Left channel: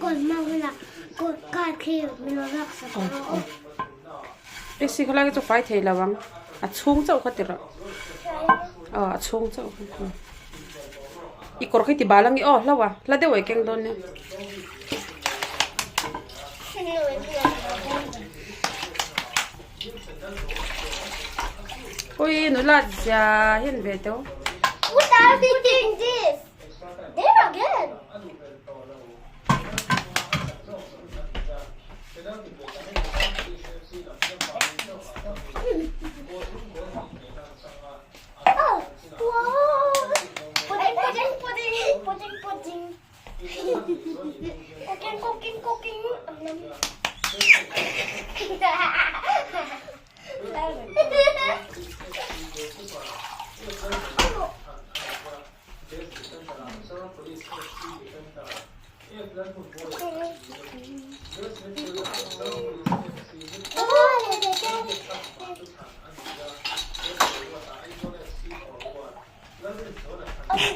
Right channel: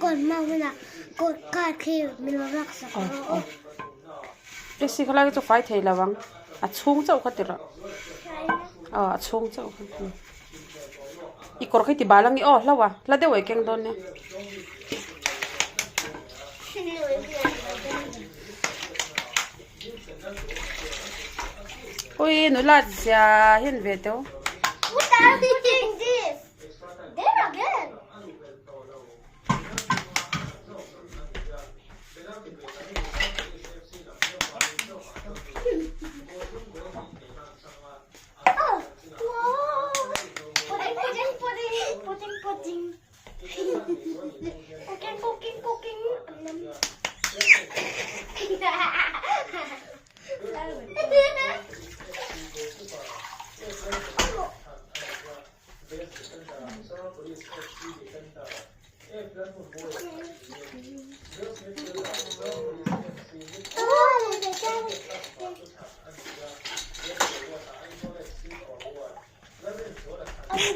Còn mang là cột cài khi mình nó lắc sao cái gì khác cái chỗ phải thấy là vắng à chung chỗ khác rồi à chung chỗ ít có cái tí ba lăng đi lâu à là đều vậy keng đôn nè ôi nó là già hiện về đâu What are you doing this? There again. Oh, wow. Pudding. Cooking.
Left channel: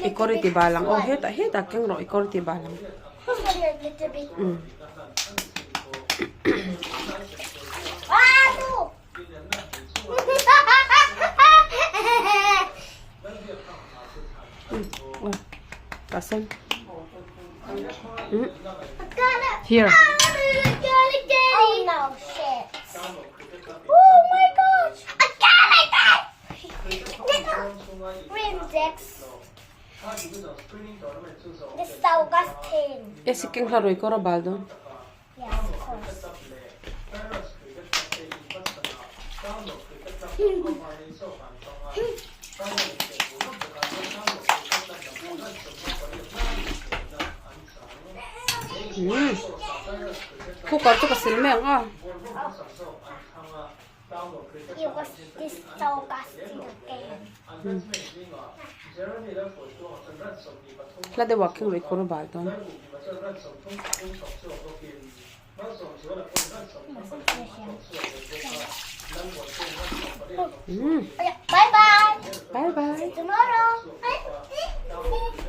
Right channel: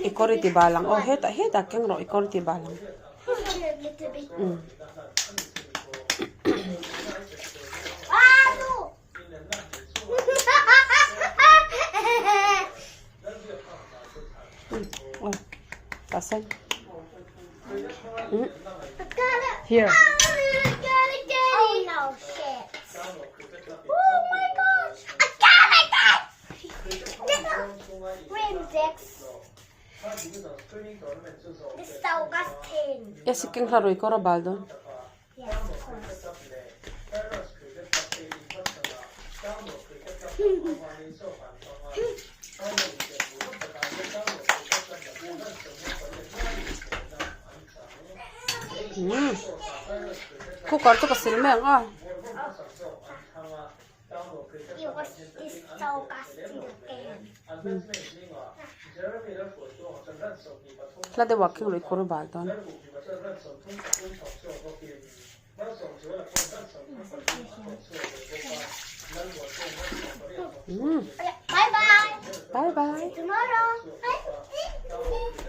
equality balang oh hết keng rồi equality balang pasan here Oh no, shit. Oh my gosh. I got it. Index. Disgusting. ese keng claro y coro baldo Yes, of course. cooker to kasi meng ah It was disgusting again. la de walking rồi coro baldo Okay, bye bye. bye bye Tomorrow.